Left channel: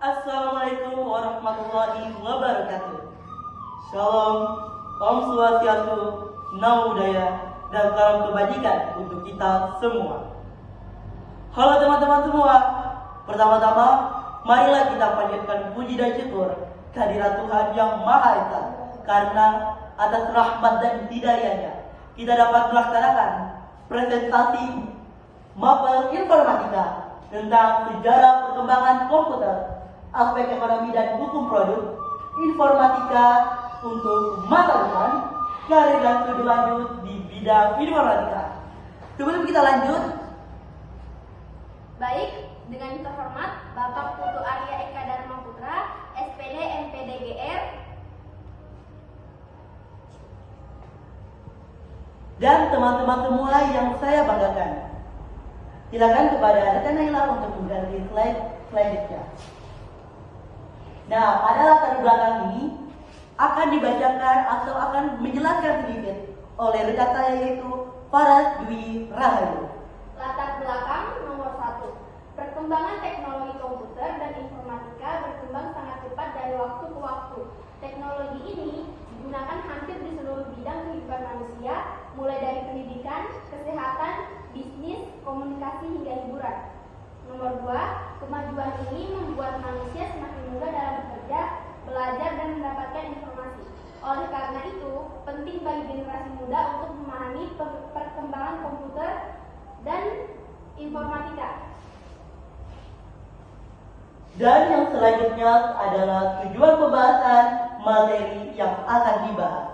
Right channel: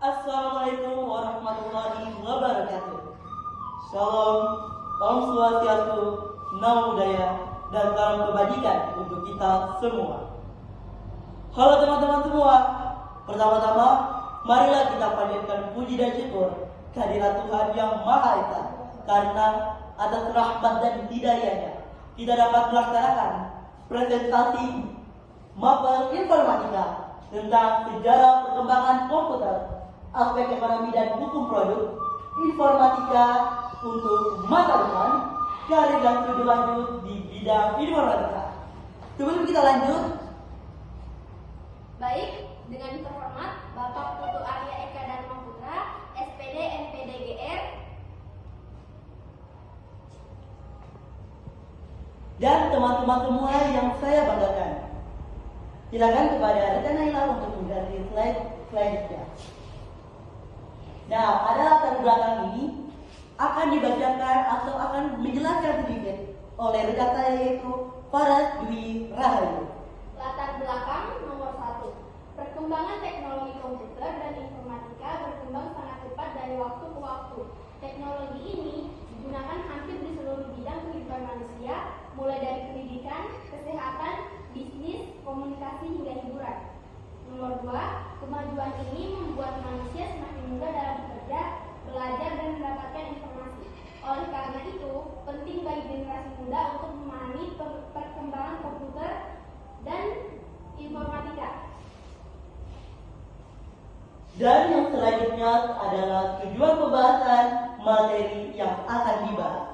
Assalamualaikum warahmatullahi wabarakatuh. Shalom, Om Swastiastu, Namo Buddhaya, dan salam kebajikan untuk kita semua. Halo teman-teman semua. Pertama-tama, marilah kita panjatkan puji dan syukur kehadirat Tuhan yang Maha Esa, karena atas rahmat dan hidayahnya kita dapat melaksanakan presentasi mapel informatika tentang sejarah perkembangan komputer, aspek ekonomi dan hukum produk, informatika untuk masa depan, karir dan studi lanjut di bidang informatika. Sebelum kita lanjut, baik, dengan terhormat Bapak Putu Arya Eka Dharma Putra, SPD MPDGR, dan teman-teman semua yang saya banggakan. Silakan kepada rekan Naila untuk mengganti slide selanjutnya. Nah, pada latar belakang ini akan dibacakan atau akan menjelaskan sedikit oleh rekan saya, yaitu Faras Dwi Rahayu. latar belakang nomor 1. Perkembangan teknologi komputer dan informatika berkembang sangat cepat dari waktu ke waktu. Teknologi ini digunakan hampir di seluruh bidang kehidupan manusia, mulai dari pendidikan, kesehatan, bisnis, komunikasi hingga hiburan. Nomor 2, kemajuan ini membuat manusia semakin mudah dalam bekerja, belajar, dan mendapatkan informasi. Oleh karena itu, penting bagi generasi muda untuk memahami perkembangan komputer dan informatika. Dan yang selanjutnya adalah tujuan pembahasan materi yang akan dibahas.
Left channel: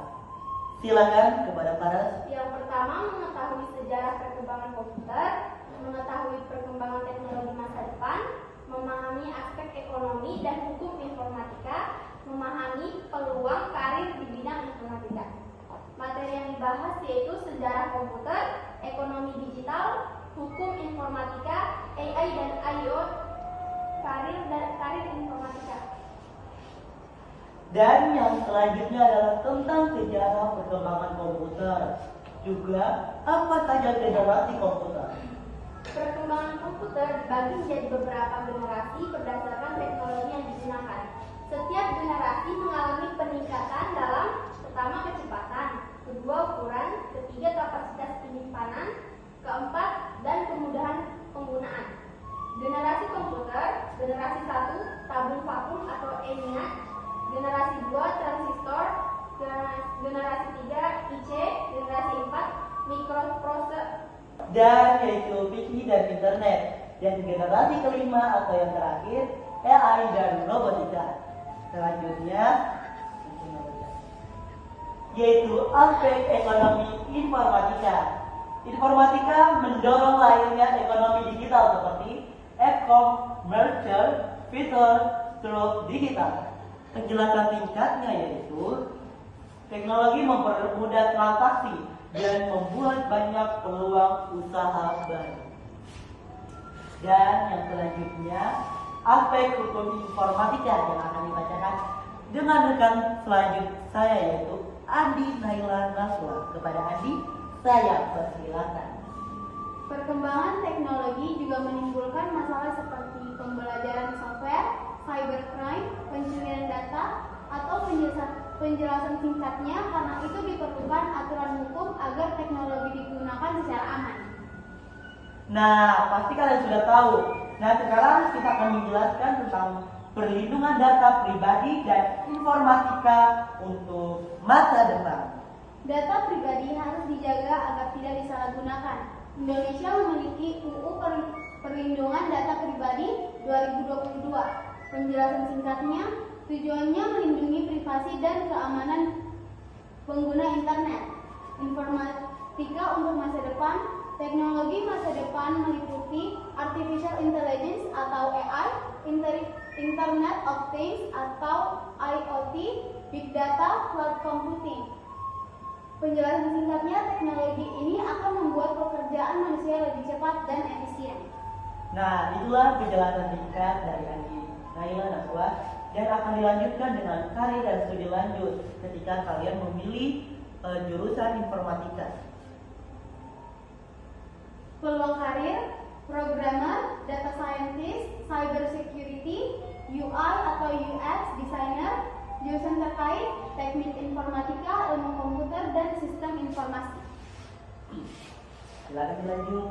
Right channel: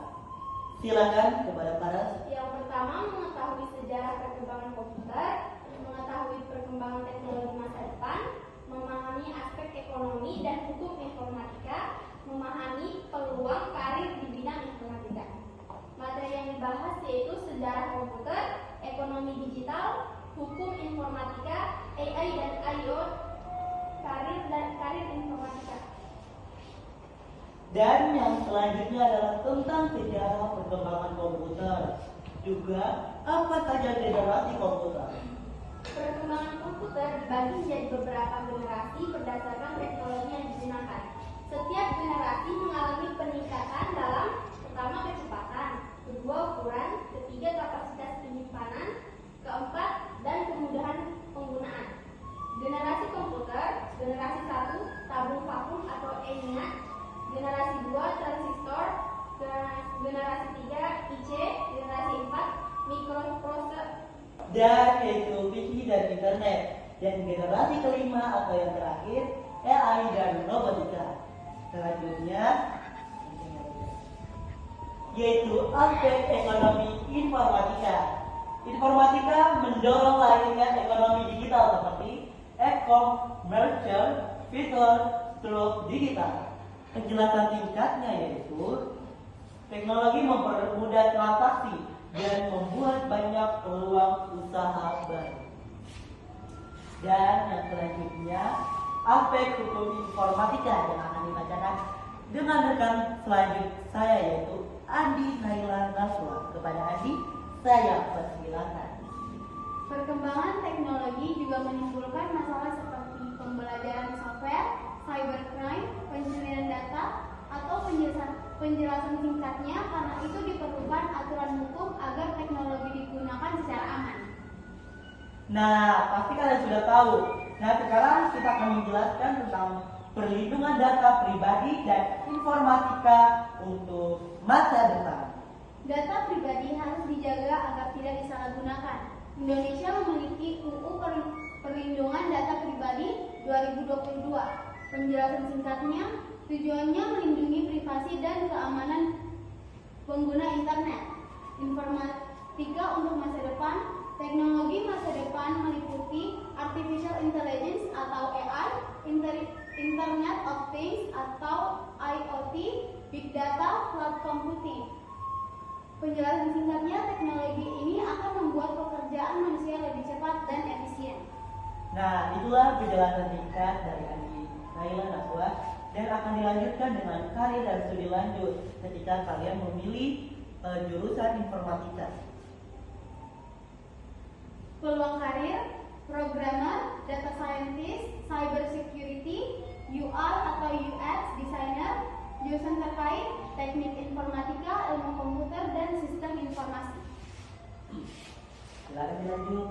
Silakan kepada Faras. Yang pertama, mengetahui sejarah perkembangan komputer, mengetahui perkembangan teknologi masa depan, memahami aspek ekonomi dan hukum informatika, memahami peluang karir di bidang informatika. Materi yang dibahas yaitu sejarah komputer, ekonomi digital, hukum informatika, AI dan IO, karir informatika. Dan yang selanjutnya adalah tentang sejarah perkembangan komputer. Juga apa saja generasi komputer. Perkembangan komputer dibagi menjadi beberapa generasi berdasarkan teknologi yang digunakan. Setiap generasi mengalami peningkatan dalam pertama kecepatan, kedua ukuran, ketiga kapasitas penyimpanan, keempat dan kemudahan penggunaan. Generasi komputer, generasi 1 tabung vakum atau ENIAC, generasi 2 transistor, generasi 3 IC, generasi 4 mikroprosesor, Dan yaitu PC dan internet. Dan generasi kelima atau yang terakhir AI dan robotika. Selanjutnya yaitu aspek ekonomi informatika. Informatika mendorong lahirnya ekonomi digital seperti e-commerce, fitur, stroke digital. Penjelasan singkatnya yaitu teknologi mempermudah transaksi dan membuat banyak peluang usaha baru. Dan yang selanjutnya aspek hukum informatika yang akan dibacakan dengan rekan selanjut saya, yaitu Andi Naila Naswa. Kepada Andi, saya persilakan. Perkembangan teknologi juga menimbulkan masalah seperti pembelajaran software, cybercrime, pencurian data, atau penjelasan singkatnya. Karena itu diperlukan aturan hukum agar teknologi digunakan secara aman. Nah, pasti kalian sudah tahu. Nah, sekarang kita akan menjelaskan tentang perlindungan data pribadi dan informatika untuk masa depan. Data pribadi harus dijaga agar tidak disalahgunakan. Indonesia memiliki UU Perlindungan Data Pribadi 2022. Penjelasan singkatnya, tujuannya melindungi privasi dan keamanan pengguna internet. Informatika untuk masa depan. Teknologi masa depan meliputi Artificial Intelligence atau AI, Internet of Things atau IoT, Big Data, Cloud Computing. Penjelasan singkatnya, teknologi ini akan membuat pekerjaan manusia lebih cepat dan efisien. Nah, itulah penjelasan singkat dari Andi Naila Naswa, dan akan dilanjutkan dengan karir dan studi lanjut ketika kalian memilih jurusan informatika. Peluang karir, programmer, data scientist, cyber security, UI, Jurusan terkait Teknik Informatika, Ilmu Komputer, dan Sistem Informasi. Silakan dilanjut.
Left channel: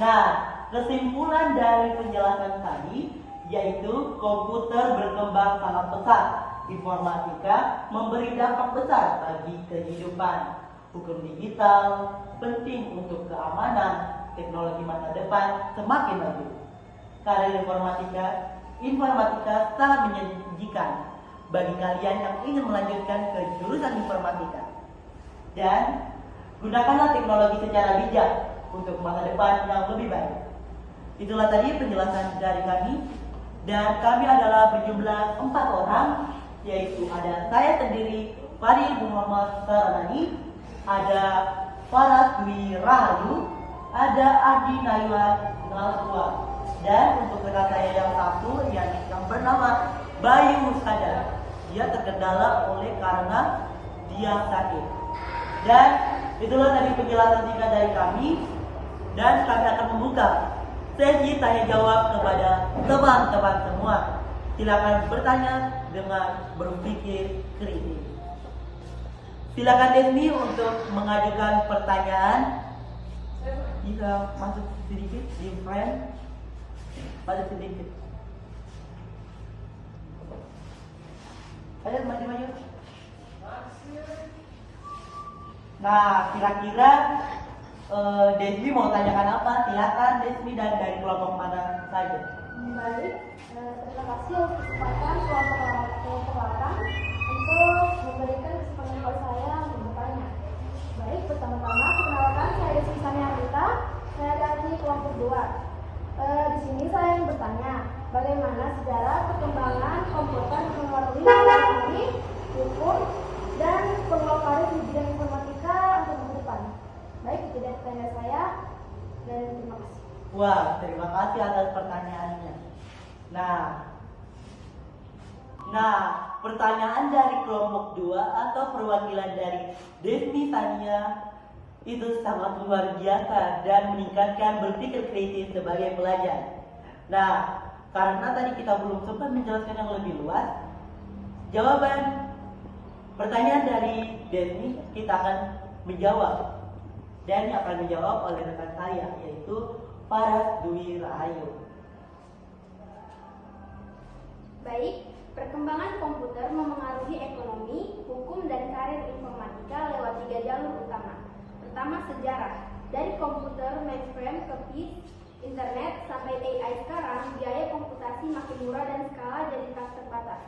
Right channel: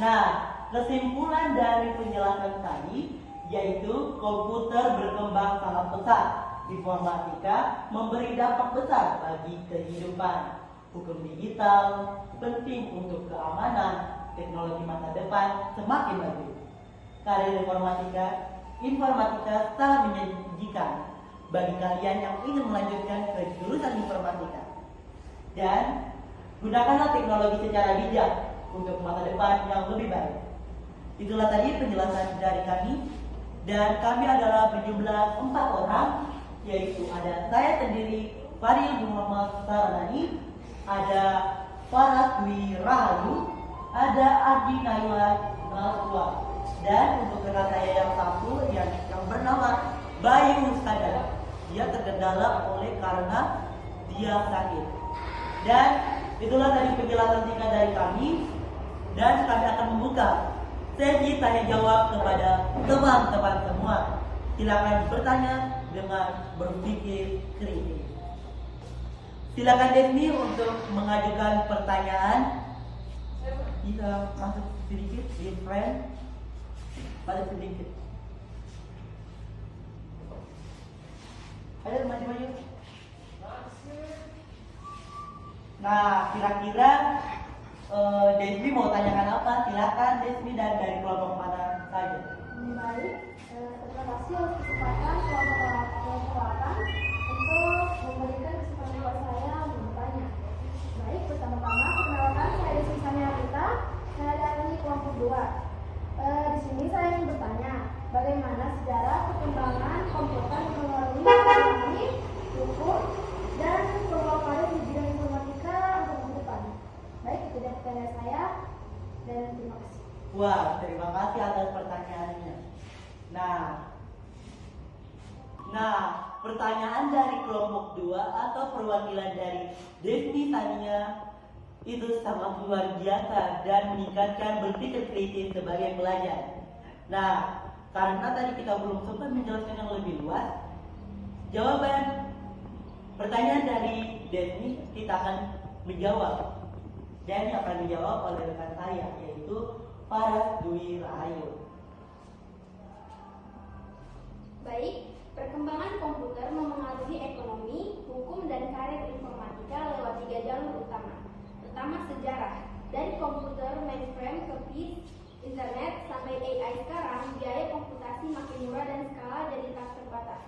Nah, kesimpulan dari penjelasan tadi yaitu komputer berkembang sangat pesat. Informatika memberi dampak besar bagi kehidupan. Hukum digital penting untuk keamanan. Teknologi masa depan semakin maju. Karir informatika sangat menjanjikan bagi kalian yang ingin melanjutkan ke jurusan informatika. Dan gunakanlah teknologi secara bijak untuk masa depan yang lebih baik. Itulah tadi penjelasan dari kami. Dan kami adalah berjumlah 4 orang, yaitu ada saya sendiri, Fadil Muhammad Saramani, ada Faras Dwi Rahayu, ada Adi Naila Naswa, dan untuk rekan saya yang satu yang bernama Bayu Sada. Dia terkendala karena dia sakit. Dan itulah tadi penjelasan singkat dari kami, dan kami akan membuka sesi tanya jawab kepada teman-teman semua. Silakan bertanya dengan berpikir kritis. Silakan Desmi untuk mengajukan pertanyaan. Bisa masuk sedikit di frame. Masuk sedikit. Ada maju-maju. Nah, kira-kira Desmi mau tanyakan apa? Silakan Desmi, dan dari kelompok mana saja. Baik, terima kasih atas kesempatan kelompok 8 untuk memberikan kesempatan buat saya bertanya. Baik, pertama-tama perkenalkan, saya Desmi Rita, saya dari kelompok 2. Di sini saya ingin bertanya, bagaimana sejarah perkembangan komputer mempengaruhi ekonomi, hukum, dan peluang karir di bidang informatika untuk masa depan. Baik, itu dia pertanyaan saya, dan terima kasih. Wah, terima kasih atas pertanyaannya. Nah, pertanyaan dari kelompok 2 atau perwakilan dari Desmi Tania itu sangat luar biasa dan meningkatkan berpikir kritis sebagai pelajar. Nah, karena tadi kita belum sempat menjelaskan yang lebih luas, jawaban pertanyaan dari Desmi kita akan menjawab, dan yang akan dijawab oleh rekan saya, yaitu Faras Dwi Rahayu. Baik, perkembangan komputer memengaruhi ekonomi, hukum, dan karir informatika lewat 3 jalur utama. Pertama, sejarah. Dari komputer mainframe ke PIC, internet, sampai AI sekarang, biaya komputasi makin murah dan skala jadi tak terbatas.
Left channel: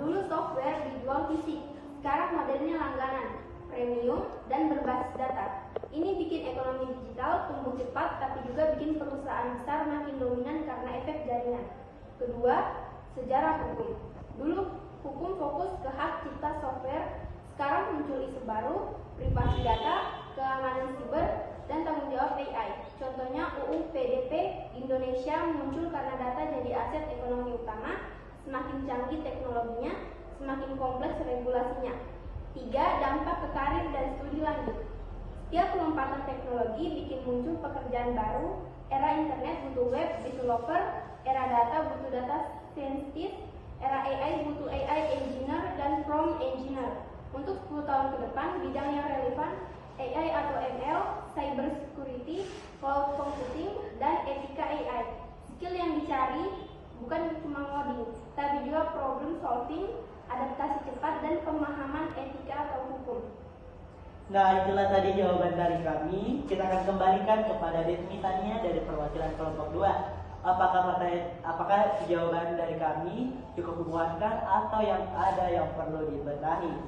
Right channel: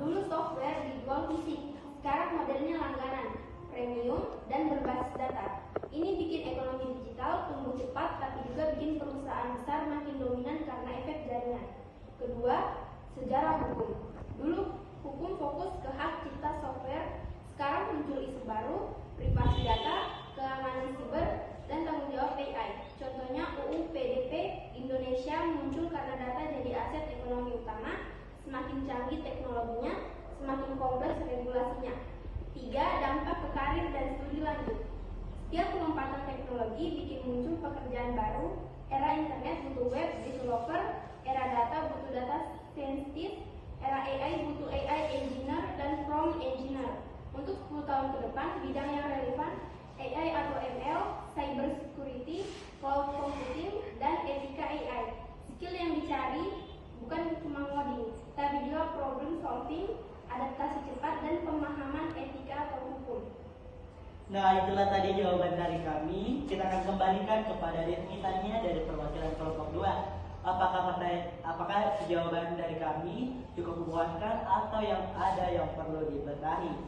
Dulu software dijual fisik, sekarang modelnya langganan, premium, dan berbasis data. Ini bikin ekonomi digital tumbuh cepat, tapi juga bikin perusahaan besar makin dominan karena efek jaringan. Kedua, sejarah hukum. Dulu hukum fokus ke hak cipta software, sekarang muncul isu baru, privasi data, keamanan siber, dan tanggung jawab AI. Contohnya UU PDP Indonesia muncul karena data jadi aset ekonomi utama. Semakin canggih teknologinya, semakin kompleks regulasinya. 3. Dampak ke karir dan studi lanjut. Setiap lompatan teknologi bikin muncul pekerjaan baru. Era internet butuh web developer, era data butuh data scientist, era AI butuh AI engineer dan prompt engineer. Untuk 10 tahun ke depan, bidang yang relevan AI atau ML, cyber security, cloud computing, dan etika AI. Skill yang dicari bukan cuma ngoding, tapi juga problem solving, adaptasi cepat, dan pemahaman etika atau hukum. Nah, itulah tadi jawaban dari kami. Kita akan kembalikan kepada Desmi Tania dari perwakilan kelompok 2. Apakah jawaban dari kami cukup memuaskan atau yang ada yang perlu dibenahi?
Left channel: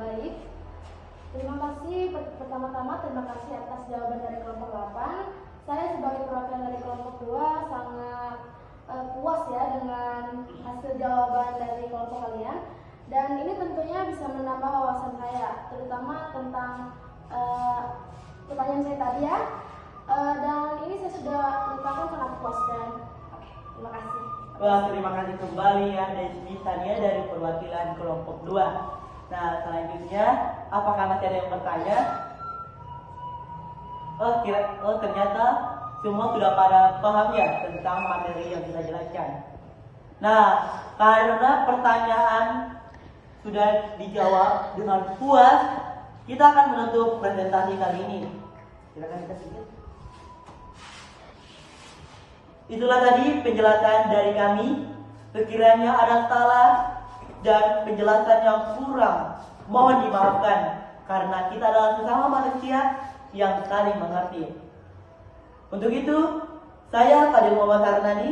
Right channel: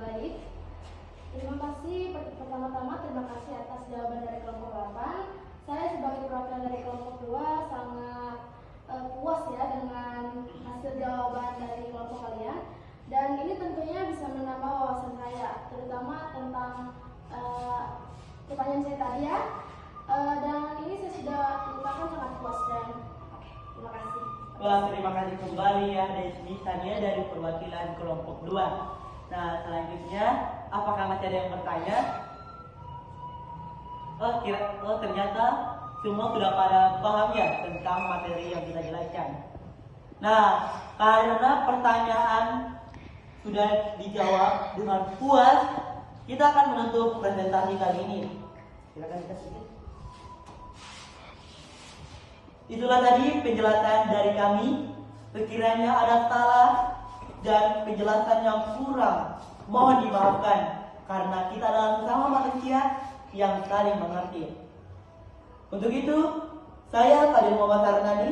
Baik. Terima kasih. Pertama-tama terima kasih atas jawaban dari kelompok 8. Saya sebagai perwakilan dari kelompok 2 sangat puas ya dengan hasil jawaban dari kelompok kalian. Dan ini tentunya bisa menambah wawasan saya, terutama tentang pertanyaan saya tadi ya. Dan ini saya sudah mengucapkan sangat puas dan terima kasih. Wah, terima kasih kembali ya Desmi Tania dari perwakilan kelompok 2. Nah, selanjutnya apakah masih ada yang bertanya? Ternyata semua sudah pada paham ya tentang materi yang kita jelaskan. Nah, karena pertanyaan sudah dijawab dengan puas, kita akan menutup presentasi kali ini. Silakan kita sedikit. Itulah tadi penjelasan dari kami. Sekiranya ada salah dan penjelasan yang kurang, mohon dimaafkan karena kita adalah sesama manusia yang saling mengerti. Untuk itu, saya Fadil Muhammad Harnani,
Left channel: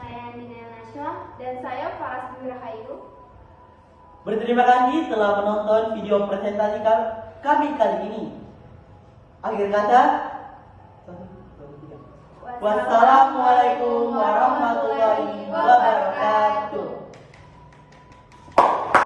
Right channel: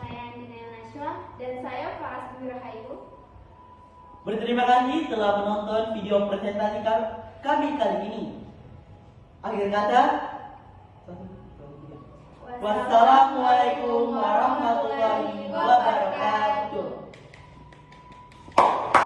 Saya Nina Nasya, dan saya Faras Rahayu. berterima kasih telah menonton video presentasi kami kali ini. Akhir kata, wassalamualaikum warahmatullahi wabarakatuh.